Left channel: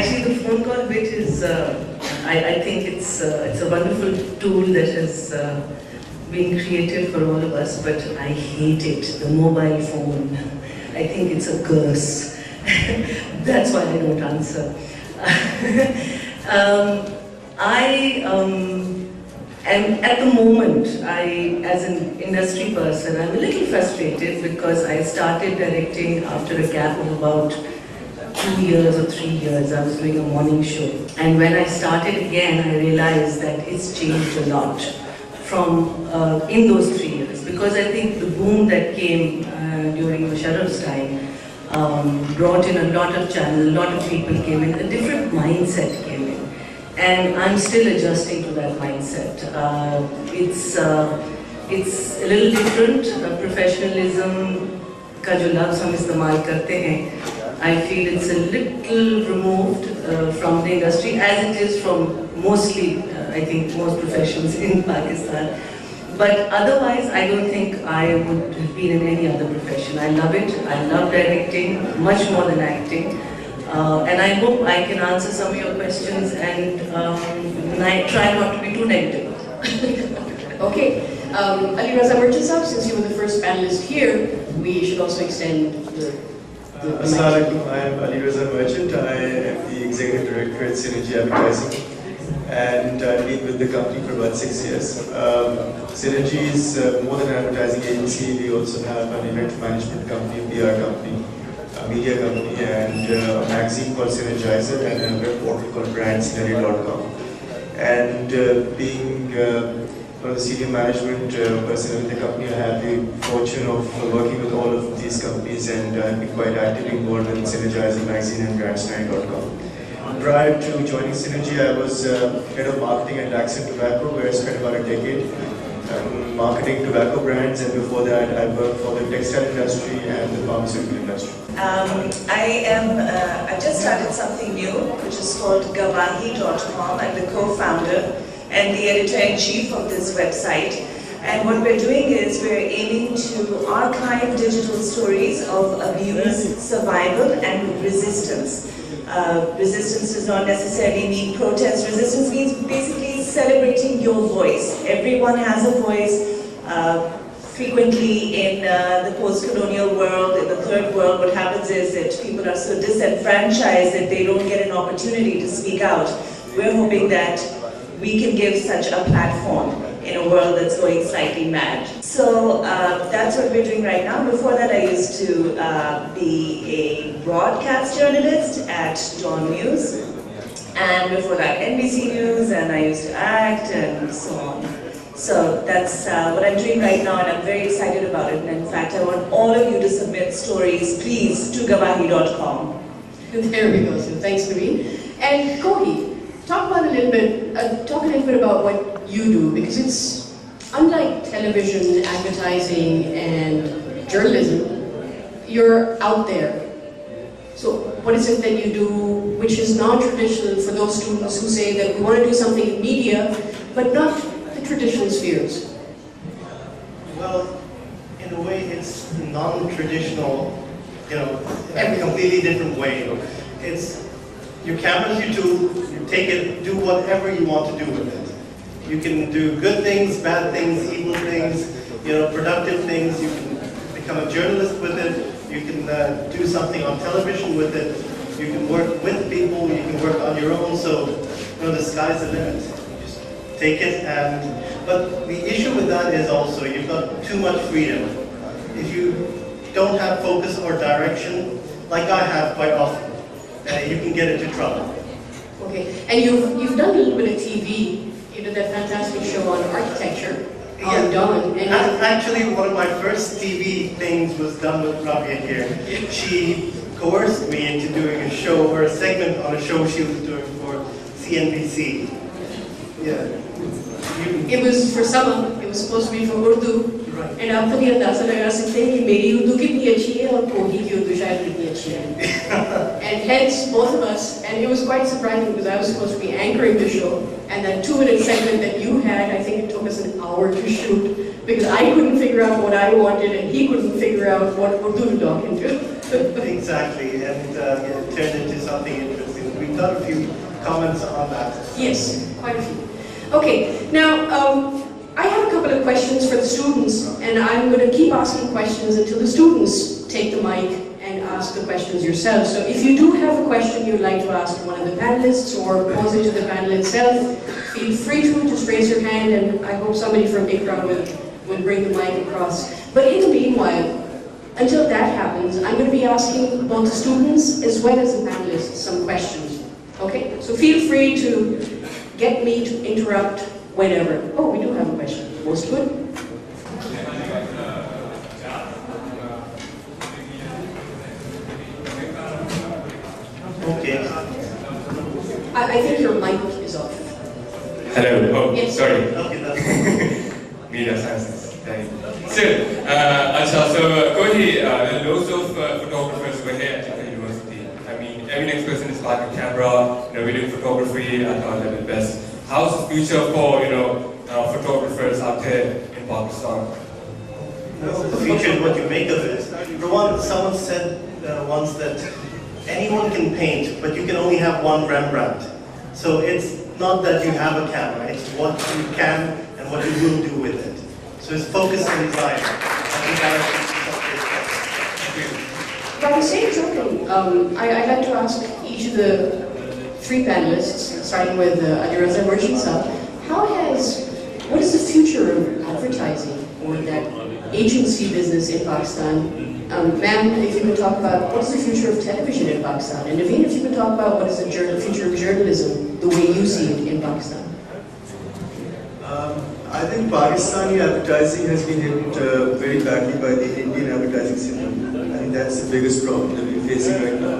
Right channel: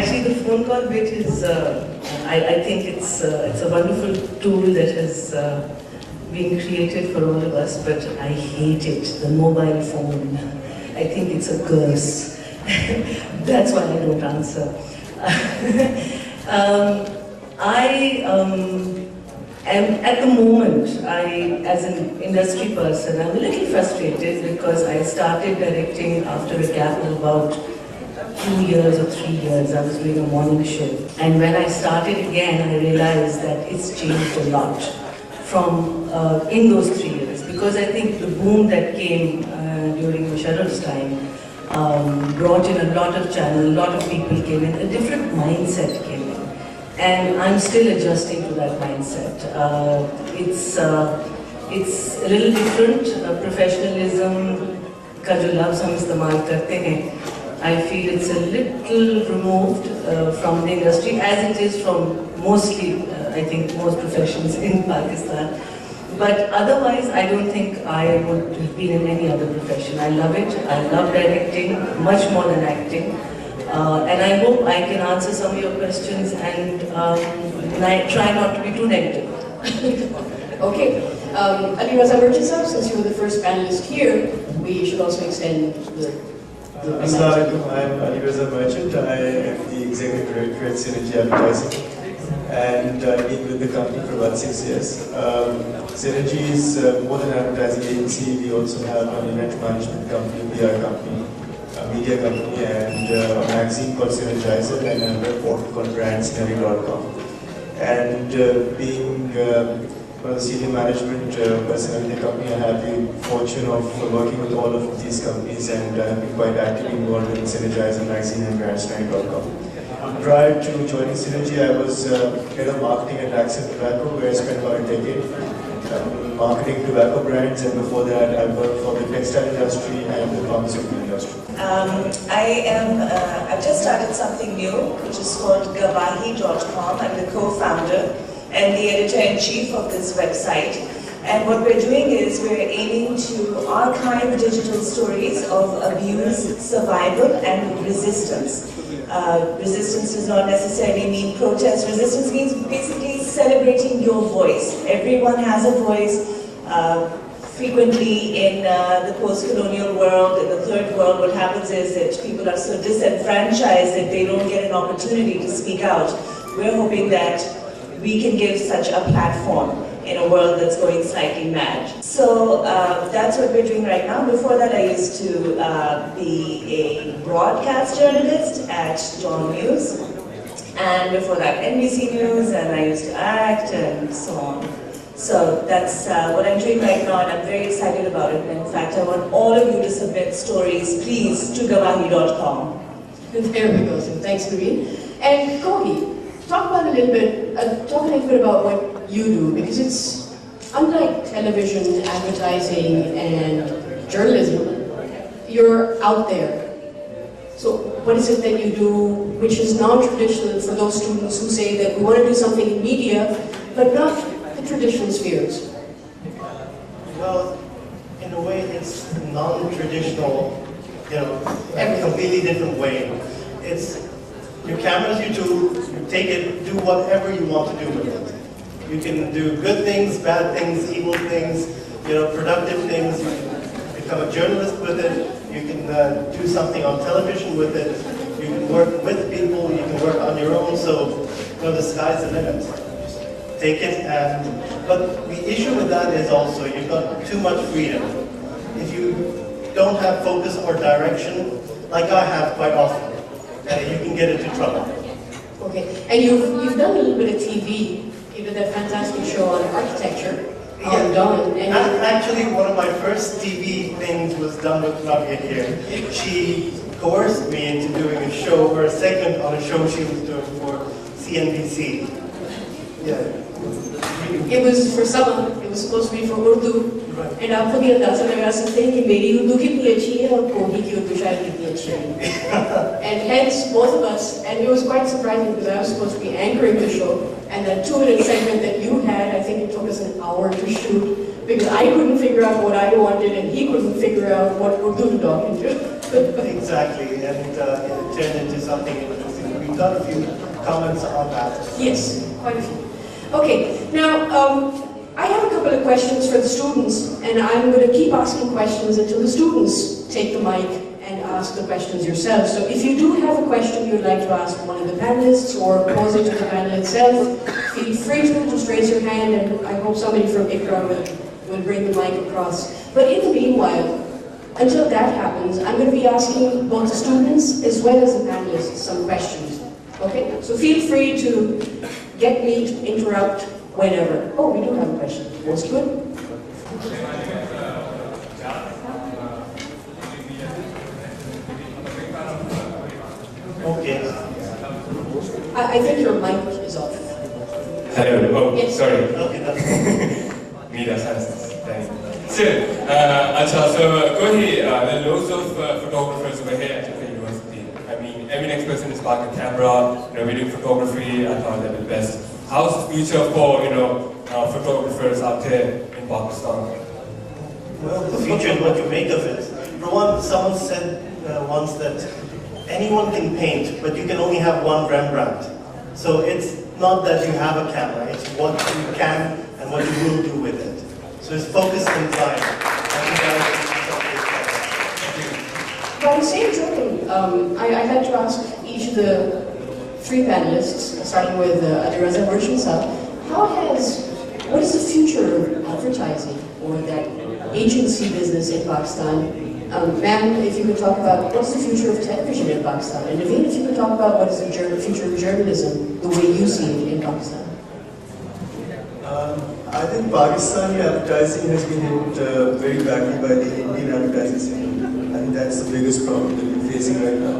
Actually, the phone call bit is, I think it's a wonderful tool that has been created for all of us, but I hate it, the mobile phone. I think it's a curse. That's why I don't answer. I am, at the moment, as an industry person, I'm a little frustrated because I started directing after a gap of about 2 years or 3 years. I was doing a morning show. And when I started again, I realized that it's changed a lot from in those 3 years. Because I think the boom that came during Musharraf's time brought in a lot of channels, a lot of people came in, a different mindset came in. And I'm still adjusting to that mindset. It's a little different. Professionalism का जो love हम इस्तेमाल करते हैं, I feel it's a little removed from the industry, as it is from mostly, I think, most professions in Pakistan. But otherwise, I don't think I would have been in any other profession. I love it. I love directing, much more than acting. And I hope I can answer some of your questions and I try not to be too negative. Okay. Ali Raza Merchant Sahib, since you were the first panelist here, we should also extend the Assalamualaikum, I am Ali Raza Merchant. I am the Executive Director at Synergy Advertising, and I've been with the company for about 6 years. Synergy is more than an advertising agency. We also have an event management company, PR company, a media company, and a magazine called Synergizer, and a web portal called brandsynergy.com. And being one of the senior management personnel in the company, I have the fortune of working with all of these companies, and I've been quite actively involved in Synergizer magazine and brandsynergy.com. Prior to joining Synergy, I was head of marketing at Accent Tobacco, where I spent about a decade marketing tobacco brands, and before that I worked for the textile industry and the pharmaceutical industry. I've just started something new, which is called Gawahi.com. I'm the co-founder and the editor-in-chief of this website. And what we're doing is we're aiming to archive digital stories of abuse, survival, and resistance. Resistance does not necessarily mean protest. Resistance means basically celebrating your voice. Everyone has a voice. Frequently in the post-colonial world, in the third world, what happens is that people are so disenfranchised that they don't get an opportunity to speak out. We're hoping that we can give such a platform in a world that's going slightly mad. So that's what we're doing right now. Before that, I used to be a broadcast journalist at Dawn News. And before that, NBC News, and I used to act and so on. So that's what I'm doing right now, and I'm very excited about it. And in fact, I want all of you to submit stories, please, to gawahi.com. There we go. So thanks, Naveen. And Kohi, talk a little bit about what you do, because it's unlike television, advertising, and journalism. You're out there. So what is it that you do which is non-traditional for those students who say that we want to do something in media, but not the traditional spheres? Well, in a way, it's non-traditional, in a completely different way. It's your camera's your tool, you take it, do whatever you want to do with it. You can do good things, bad things, evil things, productive things. You can become a journalist with it. You can do something on television with it. You can work with people. You can work on your own. So, the sky's the limit. Just take it. But the issue with that is also you've got too much freedom. If you don't have focus or direction, like I have quite often, you can get into trouble. Okay, and you've done a little bit of TV. You did that fantastic show on architecture. Yeah, Dawn. and actually one of my first TV things was done with Rabia here. She coerced me into doing a show or a segment on a show she was doing for CNBC. Yeah. It was for someone, it was supposed to be for Urdu. Right. And आपको भी अंदाज़ा लगा सकते हैं कि मेरी उर्दू कितनी अच्छी है और कोही की उर्दू शायद कितनी अच्छी है. And hence, both of us, and it was quite surprising because I was supposed to be anchoring the show, and that 2-minute segment that you had, I think it took us an hour to shoot because I couldn't figure out what I wanted and he couldn't figure out what Urdu to talk into. Exactly, and it turned into something interesting. We got a few comments on that. Yes, quite a few. Okay, now I have a couple of questions for the students, and I'm going to keep asking questions until the students take the mic and ask the questions yourselves. So if you do have a question you'd like to ask one of the panelists or pose it to the panel itself, feel free to just raise your hand, and I hope somebody from ICRA will bring the mic across. But in the meanwhile, until that happens, I'm going to be asking both the students as well as the panelists some questions. Okay? So feel free to get me to interrupt whenever. Oh, we do have a question. Most good? Okay. I think your mic is off. Hello. Oh, Yes. sorry. Okay, that's Media sciences. Thank you. So Kohi, there are loads of photographers over here at the university. I mean, every next person is buying a camera. We're doing photography at our level best. How's the future for photographers out here in Pakistan? Well, the future is what you make of it. For one, someone said once that anyone can paint, but you can only have one Rembrandt. So it's not that you have a camera, it's what you can and what you will do with it. So it's focus and design. I think that is By the same token, I'd like to ask each of the three panelists, starting with Adiraza Merchant Sahab, what is the future of advertising or that agency business in Pakistan? Ma'am, if you could talk about what's the future of television in Pakistan, and Naveen, if you could talk about what is the future of journalism, the way you see it in Pakistan. I think Pakistani advertising has been hit very badly by the Indian advertising system. I think that's the biggest problem that we're facing right now.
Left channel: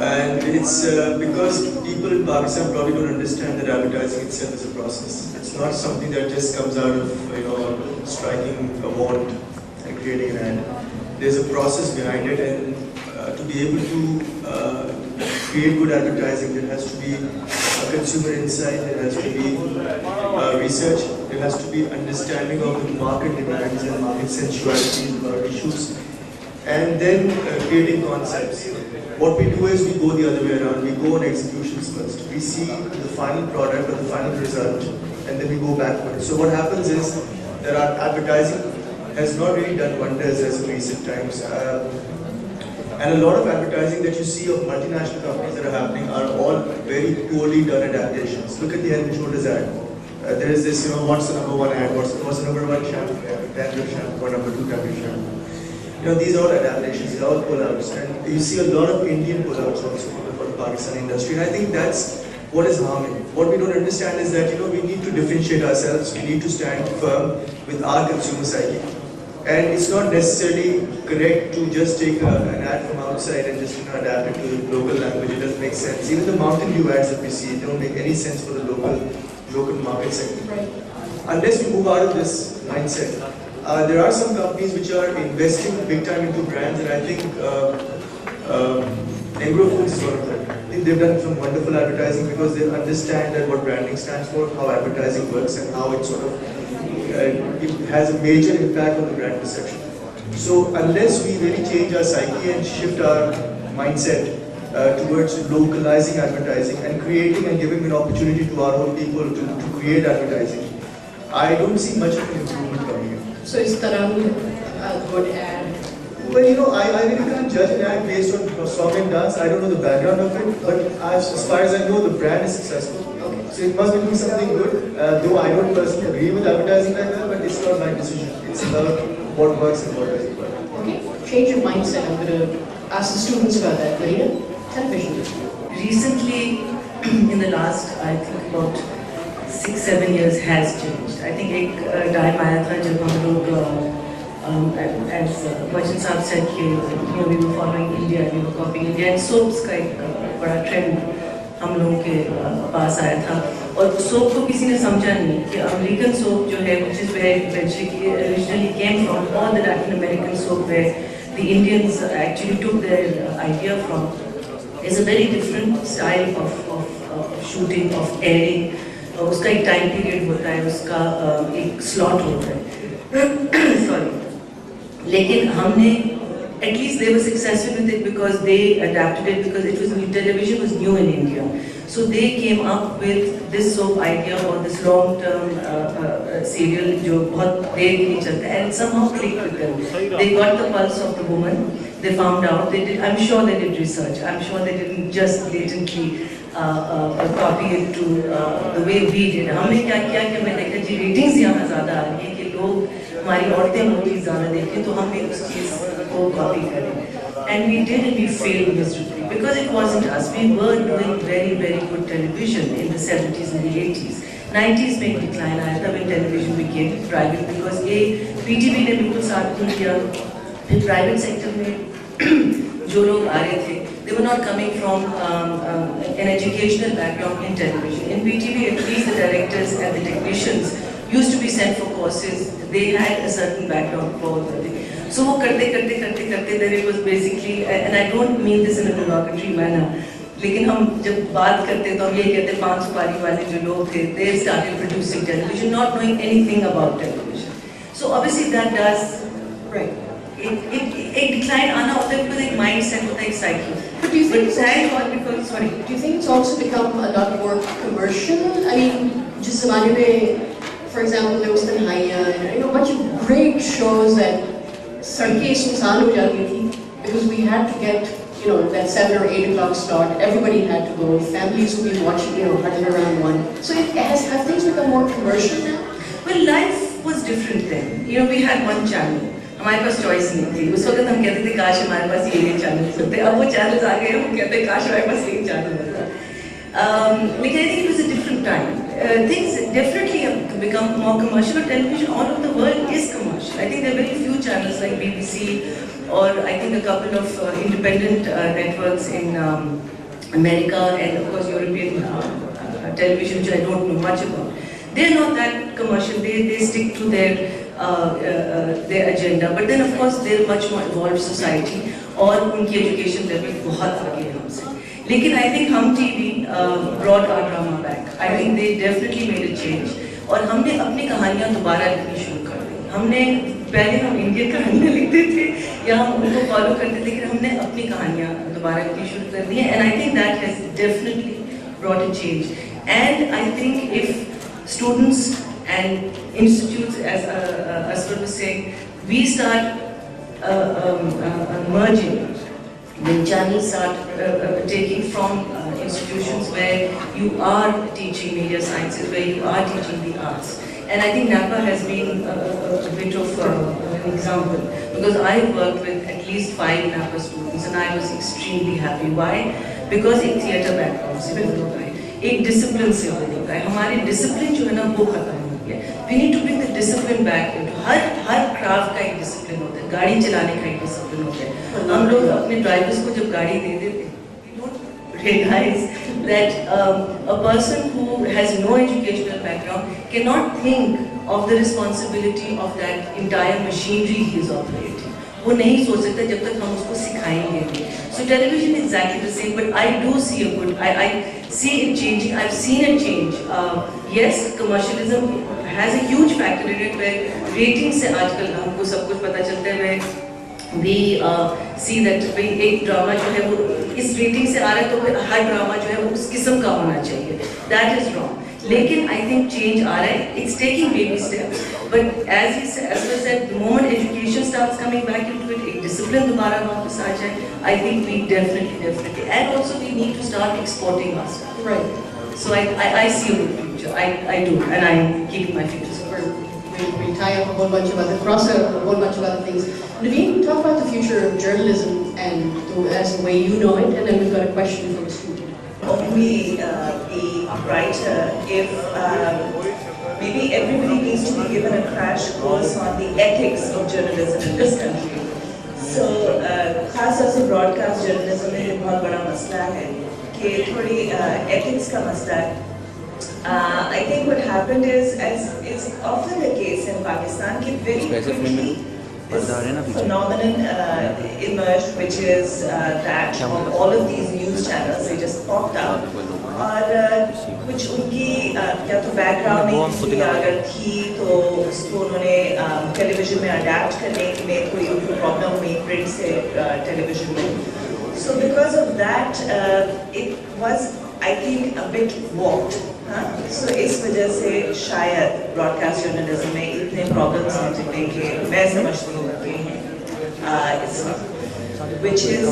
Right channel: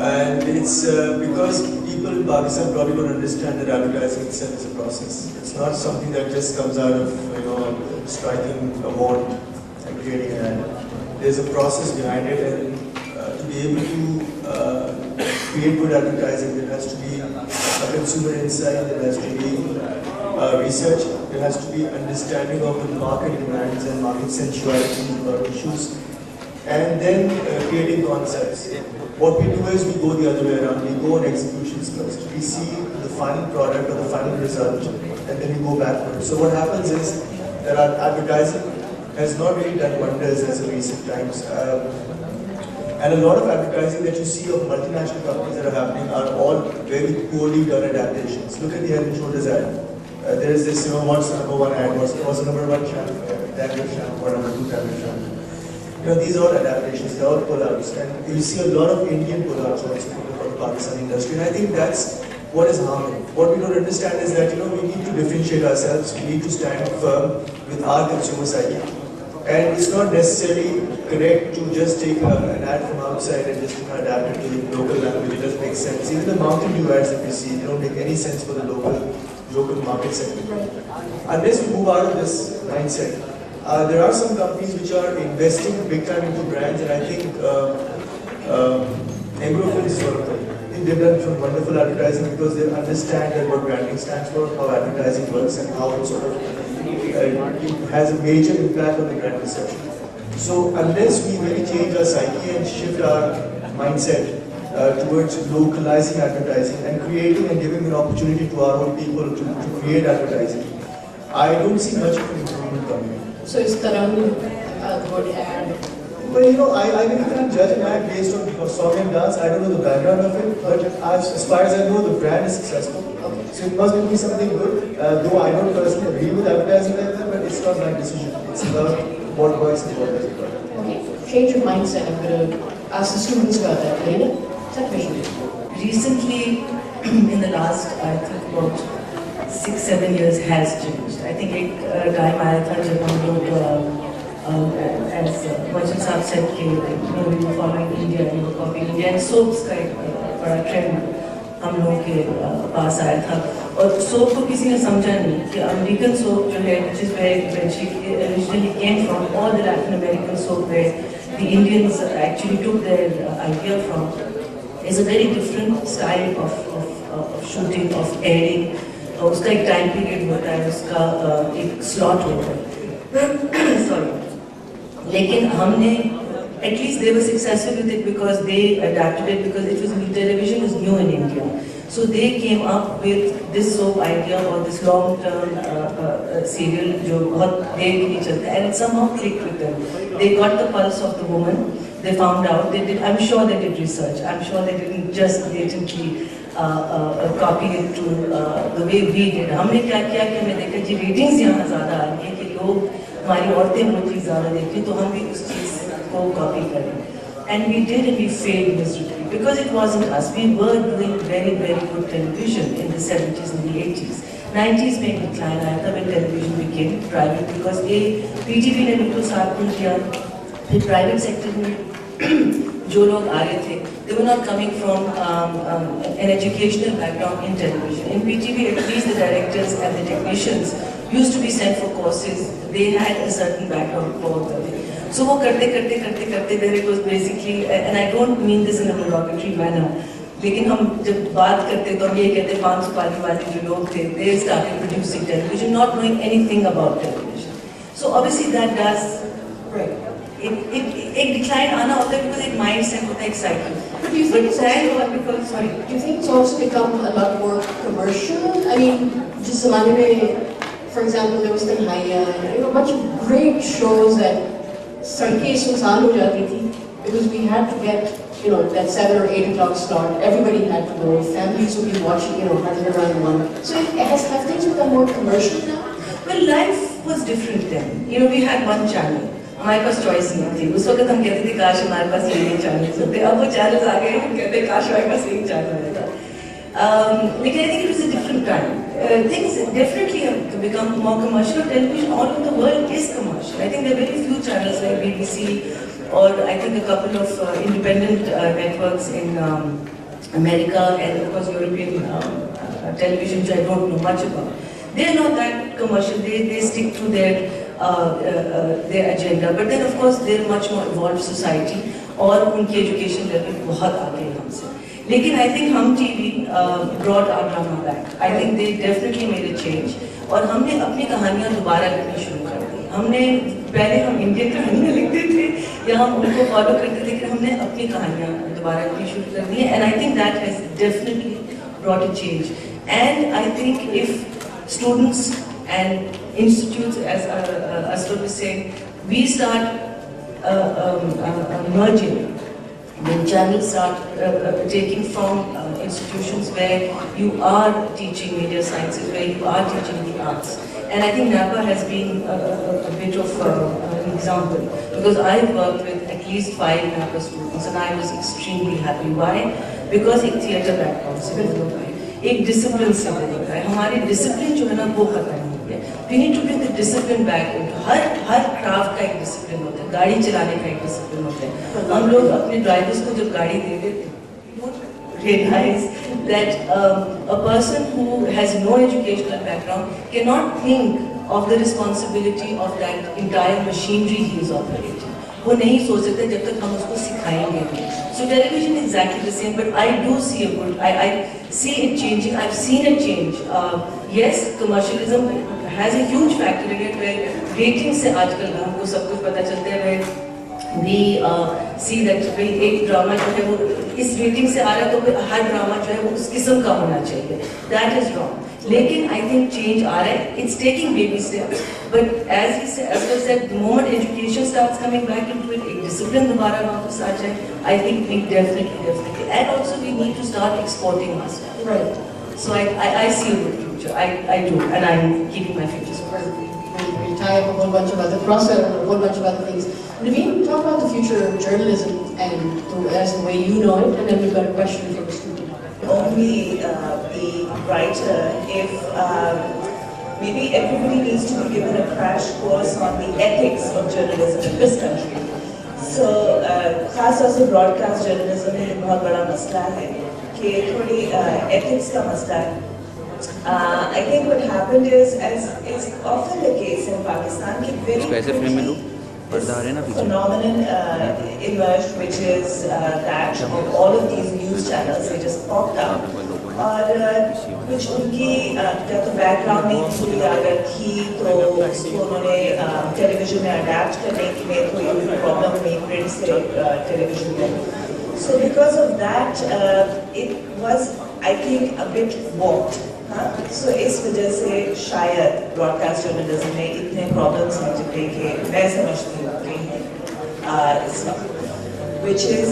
And it's because people in Pakistan probably don't understand that advertising itself is a process. It's not something that just comes out of striking a wand and creating an ad. There's a process behind it, and to be able to create good advertising, there has to be a consumer insight, there has to be research, there has to be understanding of the market demands and market sensuality to our issues, and then creating concepts. What we do is we go the other way around. We go on executions first. We see the final product or the final result, and then we go backward. So what happens is that our advertising has not really done wonders as in recent times. And a lot of advertising that you see of multinational companies that are happening are all very poorly done adaptations. Look at the Head & Shoulders ad. There is this, what's the number one ad? What's the number one shampoo? Dandruff shampoo, or number two dandruff shampoo. These are all adaptations, they're all pullouts. And you see a lot of Indian pullouts also for the Pakistani industry. And I think that's what is harming. What we don't understand is that, we need to differentiate ourselves. We need to stand firm with our consumer psyche. And it's not necessarily correct to just take an ad from outside and just adapt it to the local language. It doesn't make sense. Even the Mountain Dew ads that we see, they don't make any sense for the local market segment. Right. Unless we move out of this mindset. There are some companies which are investing big time into brands, and I think Agrofoods is one of them. I think they've done some wonderful advertising because they understand that what branding stands for, how advertising works, and how it sort of it has a major impact on the brand perception. So unless we really change our psyche and shift our mindset towards localizing advertising and creating and giving an opportunity to our own people to create advertising, I don't see much of an improvement coming in. So is Tarang a good ad? Well, I really can't judge an ad based on song and dance. I don't know the background of it, but as far as I know, the brand is successful. So it must be something good, though I don't personally agree with advertising like that, but it's not my decision. It's about what works and what doesn't work. Okay, change your mindset. I'm going to ask the students about that. Later, television. Recently, in the last, I think about 6-7 years has changed. I think एक time आया था जब हम लोग as Merchant Sahab said कि we were following India, we were copying India, and soaps का एक बड़ा trend हम लोगों के पास आया था, और सोप को किसी ने समझा नहीं कि अमेरिकन सोप जो है, which is where it originally came from, all the Latin American soap where the Indians actually took their idea from, is a very different style of shooting, of airing. उसका एक time period होता है, उसका एक slot होता है. Sorry, लेकिन हमने at least they were successful with it because they adapted it, because it was television was new in India. So they came up with this soap idea or this long-term serial जो बहुत देर के लिए चलता है, and somehow clicked with them. They got the pulse of the woman. They found out. They did. I'm sure they did research. I'm sure they didn't just blatantly copy it to the way we did. हमने क्या किया कि मैं देखा जी ratings यहाँ ज़्यादा आ रही है कि लोग हमारी औरतें मोटी ज़्यादा देखती हैं, तो हम भी उस चीज़ को copy करें. And we did, and we failed miserably because it wasn't us. We were doing very, very good television in the 70s and the 80s. 90s में एक decline आया था when television became private because PTV ने बिल्कुल साथ नहीं किया. फिर private sector में जो लोग आ रहे थे, they were not coming from an educational background in television. In PTV, at least the directors and the technicians used to be sent for courses. They had a certain background for the So वो करते then it was basically, and I don't mean this in a derogatory manner, लेकिन हम जब बात करते तो हम ये कहते 5 सुपारी वाले जो लोग थे, they started producing television, not knowing anything about television. So obviously that does, Right. एक decline आना होता है because एक mindset होता है, एक cycle. But do you think But thank God because, sorry. Do you think it's also become a lot more commercial? I mean, जिस ज़माने में, for example, there was Tanhaiya and a bunch of great shows that सड़कें सुनसान हो जाती थी because we had to get, that 7 or 8 o'clock slot. Everybody had to go. Families would be watching, huddled around one. So have things become more commercial now? Well, life was different then. We had one channel. हमारे पास choice नहीं थी. उस वक्त हम कहते थे काश हमारे पास ये channels होते. अब वो channels आ गए, हम कहते हैं काश हमारे पास एक channel होता. Because I think it was a different time. Things definitely have become more commercial. Television all over the world is commercial. I think there are very few channels like BBC or I think a couple of independent networks in America and of course European television, which I don't know much about. They're not that commercial. They stick to their agenda. But then of course they're a much more evolved society और उनकी education level बहुत आगे है हमसे. लेकिन I think हम TV brought our drama back. I think they definitely made a change. और हमने अपनी कहानियाँ दोबारा लिखनी शुरू कर दी. हमने पहले हम इंडियन कहानियाँ लिखते थे या हम उनको फॉलो करते थे, लेकिन हमने अपनी कहानियाँ दोबारा लिखनी शुरू कर दी. And I think that has definitely brought a change. And I think if students and institutes, as Asghar was saying, we start merging. When channels start taking from institutions where you are teaching media sciences, where you are teaching the arts. And I think NAPA has been a bit of an example because I worked with at least 5 NAPA students and I was extremely happy. Why? Because एक theatre background से वो लोग आए, एक discipline से वो लोग आए. हमारी discipline जो है ना वो खत्म हो गया. We need to bring the discipline back into her craft का एक discipline होता है, गाड़ी चलाने का एक discipline होता है. हम लोग अपने drivers को जब गाड़ी दे देते हैं, we don't realize that a person who has no educational background cannot think of the responsibility of that entire machinery he is operating. वो नहीं सोच सकते जब तक हम उसको सिखाएंगे नहीं. So television is exactly the same, but I do see I see it changing. I've seen it change. Yes, commercialism has a huge factor in it where ratings से आजकल हमको सब कुछ पता चलता है. We see that भाई एक ड्रामा जो है वो इस रेटिंग से आ रहा है तो हर ड्रामा जो है वो उस किस्म का होना चाहिए. That is wrong. लेकिन I think change आ रहा है. It's taking baby steps. But as I said, the moment education starts coming back into it, एक discipline दोबारा वापस आ जाए, I think we definitely, and also we need to start exporting ourselves. Right. So I see a good future. I do, and I'm keeping my future. We tie up a whole bunch of other, cross a whole bunch of other things. Naveen, talk about the future of journalism and as the way you know it, and then we've got a question for the student. Only be brighter if maybe everybody needs to be given a crash course on the ethics of journalism in this country. So, खास तौर से broadcast journalism में ये बहुत बड़ा मसला है कि थोड़ी ethics का मसला है. I think what happened is, as is often the case in Pakistan, कि very this phenomenon emerged, which is that of all of these news channels, they just popped up. और कुछ उनकी क्या तो बैकग्राउंड नहीं थी, अगर थी तो उसको उन्होंने टेलीविजन में अडेप्ट करने में कोई प्रॉब्लम नहीं, प्रिंट से टेलीविजन में. So because of that, it was, I think, a bit warped. So इस वजह से शायद ब्रॉडकास्ट जर्नलिज्म में इतने प्रॉब्लम्स हैं जितने के मैं समझती हूँ कि इस वक्त, which is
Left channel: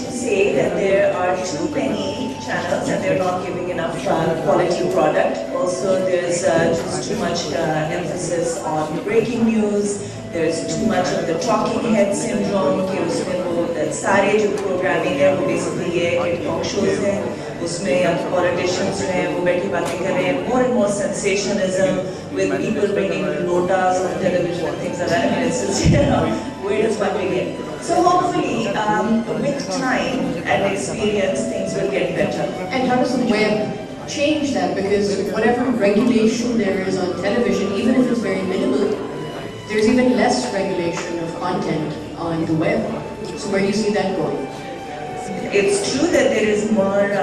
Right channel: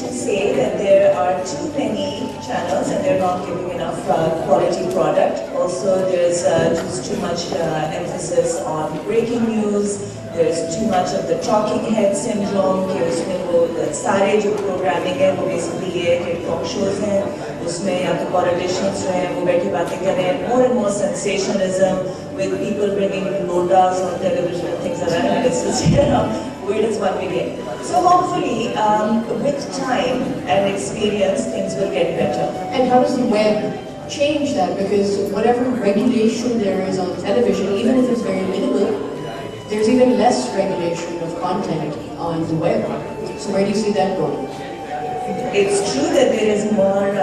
to say that there are too many channels and they're not giving enough quality product. Also, there's just too much emphasis on breaking news. There's too much of the talking head syndrome कि उसमें वो सारे जो programming है वो basically ये है कि talk shows हैं, उसमें या तो politicians जो हैं वो बैठी बातें कर रहे हैं, more and more sensationalism with people bringing lotas on television and things like that. And it's just, you know, where does one begin? So hopefully, with time and experience, things will get better. And how does the web change that? Because whatever regulation there is on television, even if it's very minimal, there's even less regulation of content on the web. So where do you see that going? It's true that there is more,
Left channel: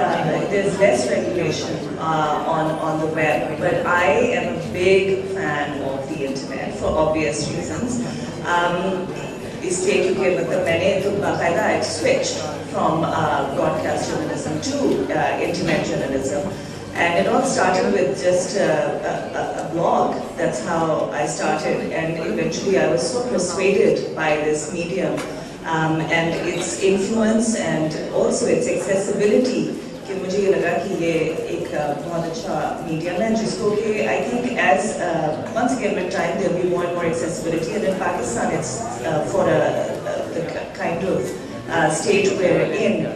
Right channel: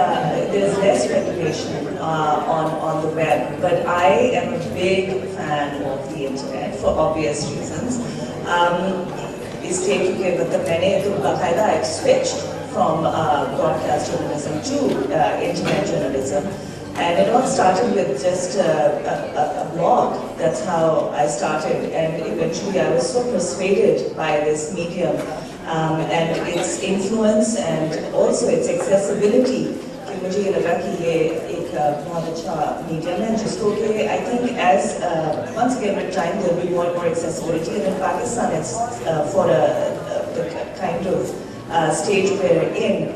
there's less regulation on the web, but I am a big fan of the internet for obvious reasons. इसलिए क्योंकि मतलब मैंने तो बाकायदा I switched from broadcast journalism to internet journalism, and it all started with just a blog. That's how I started, and eventually I was so persuaded by this medium and its influence and also its accessibility कि मुझे ये लगा कि ये एक बहुत अच्छा medium है जिसको कि I think as once again with time there will be more and more accessibility, and in Pakistan it's for the kind of stage we're in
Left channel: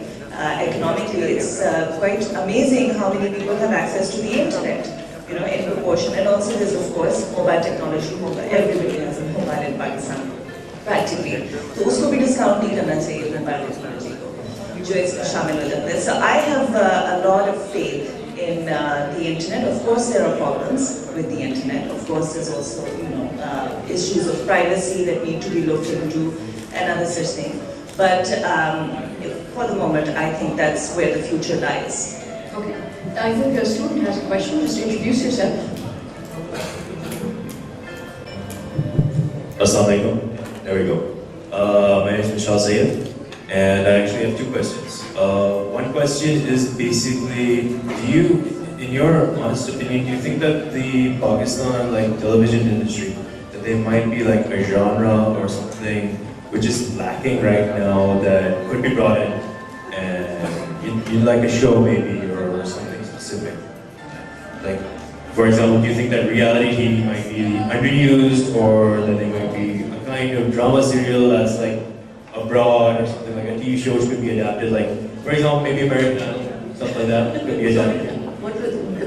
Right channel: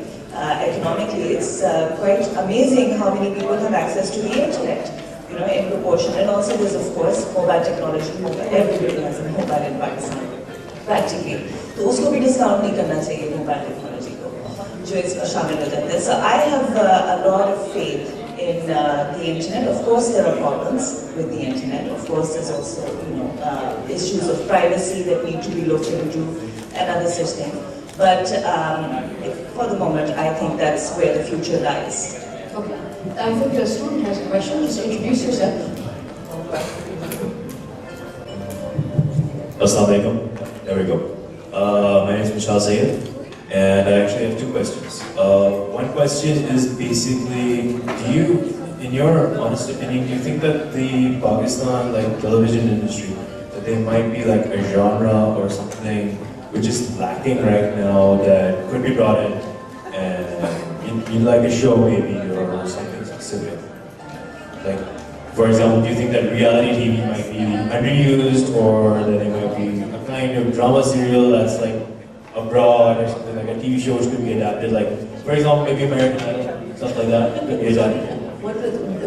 economically, it's quite amazing how many people have access to the internet, you know, in proportion. And also there's of course mobile technology. Everybody has a mobile in Pakistan practically, तो उसको भी discount नहीं करना चाहिए mobile technology को जो इसमें शामिल हो जाते हैं. So I have a lot of faith in the internet. Of course there are problems with the internet. Of course there's also, you know, issues of privacy that need to be looked into and other such things. But for the moment, I think that's where the future lies. Okay. I think a student has a question. Just introduce yourself. Assalamu alaikum. There we go. My name is Mishal Zaid, and I actually have two questions. One question is basically, do you, in your honest opinion, do you think that the Pakistan television industry, that there might be like a genre or something which is lacking right now that could be brought in, and you'd like a show maybe or something specific? Like, for example, do you think that reality TV might be underused, or that there might be a kind of drama serial that's like abroad or something, like a TV show could be adapted, like, for example, maybe American Idol, stuff like that could be adapted.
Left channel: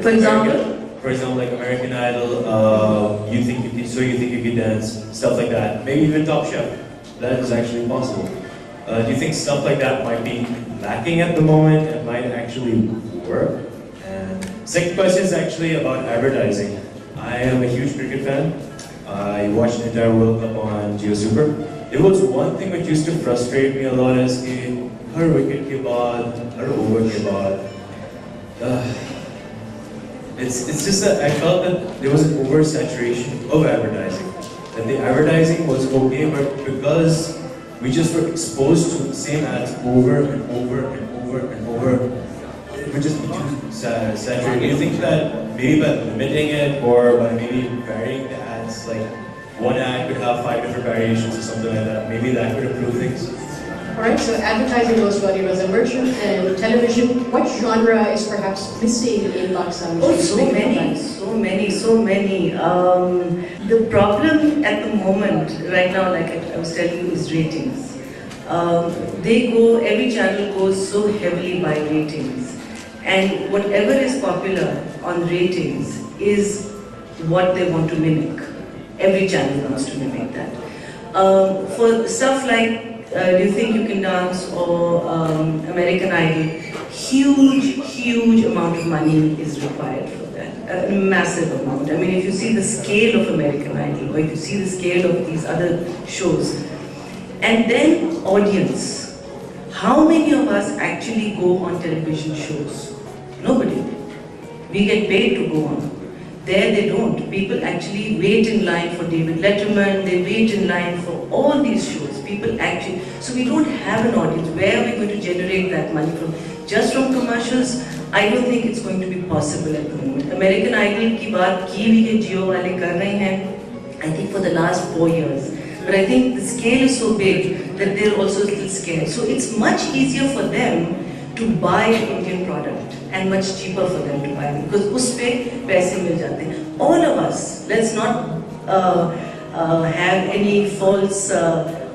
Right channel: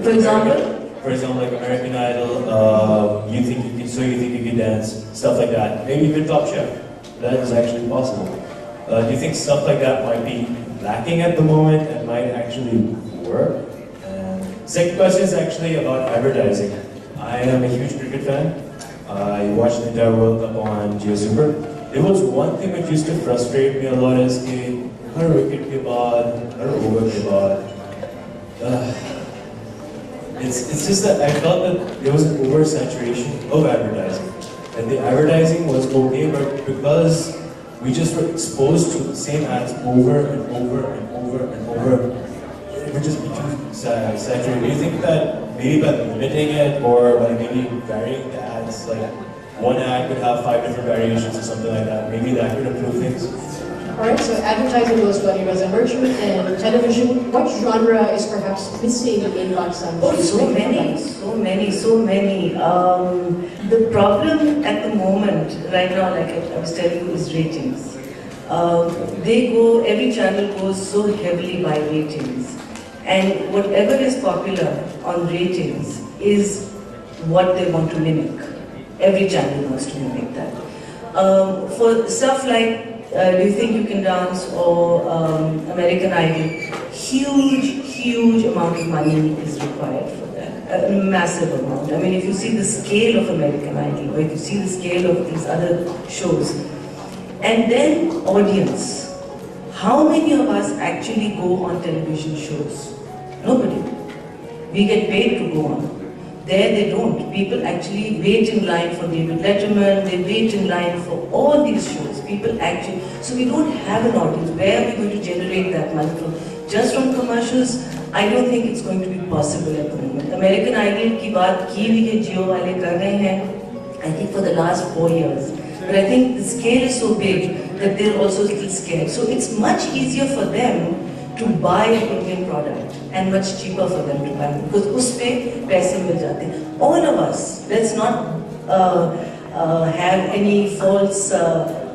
For example? For example, like American Idol, you think you could dance, stuff like that. Maybe even Top Chef. That is actually possible. Do you think stuff like that might be lacking at the moment and might actually work? And second question is actually about advertising. I am a huge cricket fan. I watched the entire World Cup on Jio Super. There was one thing which used to frustrate me a lot is कि हर wicket के बाद, हर over के बाद, it's just that I felt that there was an oversaturation of advertising. That the advertising was okay, but because we just were exposed to the same ads over and over and over and over, it would just be too saturated. Do you think that maybe by limiting it or by maybe varying the ads, like one ad could have 5 different variations or something like that, maybe that could improve things? Alright, so advertising goes to Ali Raza Merchant, and television, what genre is perhaps missing in Pakistan? Oh, so many. The problem at the moment, right now, like I was telling you, is ratings. Every channel goes so heavily by ratings. And whatever is popular on ratings is what they want to mimic. Every channel wants to mimic that. For stuff like Do You Think You Can Dance or American Idol, huge amount of money is required for that. A massive amount. I mean, if you see the scale of American Idol, or if you see the scale of these other shows, and then audience. How many of us actually go on television shows? Nobody. We get paid to go on. There they don't. People actually wait in line for David Letterman, they wait in line for all these shows. People actually, so we don't have an audience. Where are we going to generate that money from? Just from commercials? I don't think it's going to be possible at the moment. American Idol की बात की भी है जियो वाले कर रहे हैं, I think for the last 4 years. But I think the scale is so big that they're also a little scared. So it's much easier for them to buy an Indian product and much cheaper for them to buy it because उसपे पैसे मिल जाते हैं. All of us, let's not have any false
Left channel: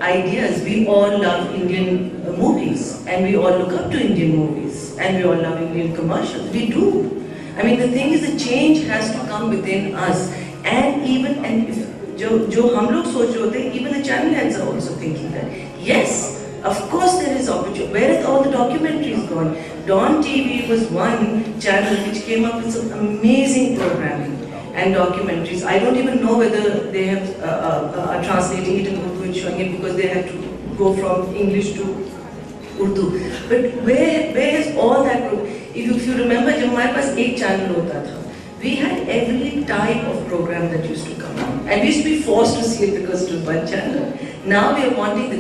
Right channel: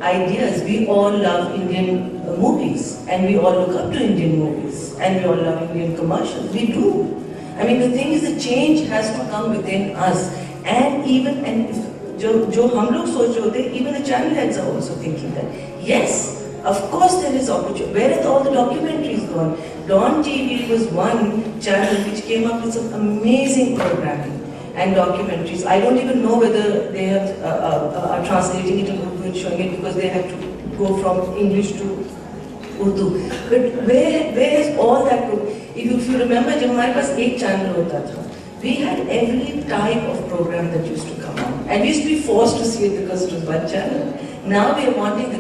ideas. We all love Indian movies and we all look up to Indian movies and we all love Indian commercials. We do. I mean, the thing is, the change has to come within us, and even if जो हम लोग सोच रहे होते, even the channel heads are also thinking that yes, of course there is opportunity. Where are all the documentaries gone? Dawn TV was one channel which came up with some amazing programming and documentaries. I don't even know whether they have are translating it in Urdu and showing it because they had to go from English to Urdu. But where has all that? If you remember, जब हमारे पास एक channel होता था, we had every type of program that used to come on, and we used to be forced to see it because it was one channel. Now we are wanting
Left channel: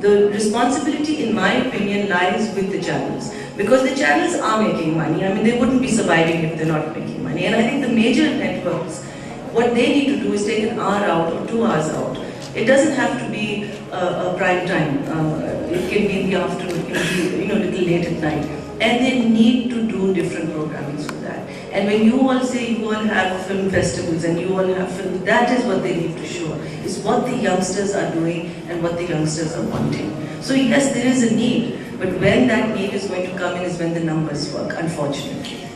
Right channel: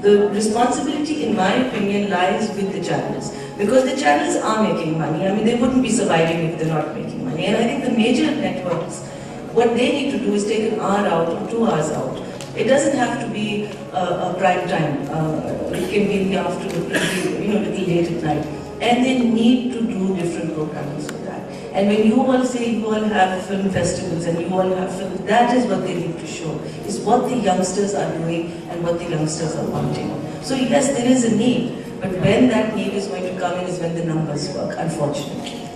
the responsibility, in my opinion, lies with the channels, because the channels are making money. I mean, they wouldn't be surviving if they're not making money. And I think the major networks, what they need to do is take an hour out or 2 hours out. It doesn't have to be a prime time. It can be in the afternoon, it can be, little late at night. And they need to do different programming for that. And when you all say you all have film festivals and you all have films, that is what they need to show. Is what the youngsters are doing and what the youngsters are wanting. So yes, there is a need, but when that need is going to come in is when the numbers work, unfortunately.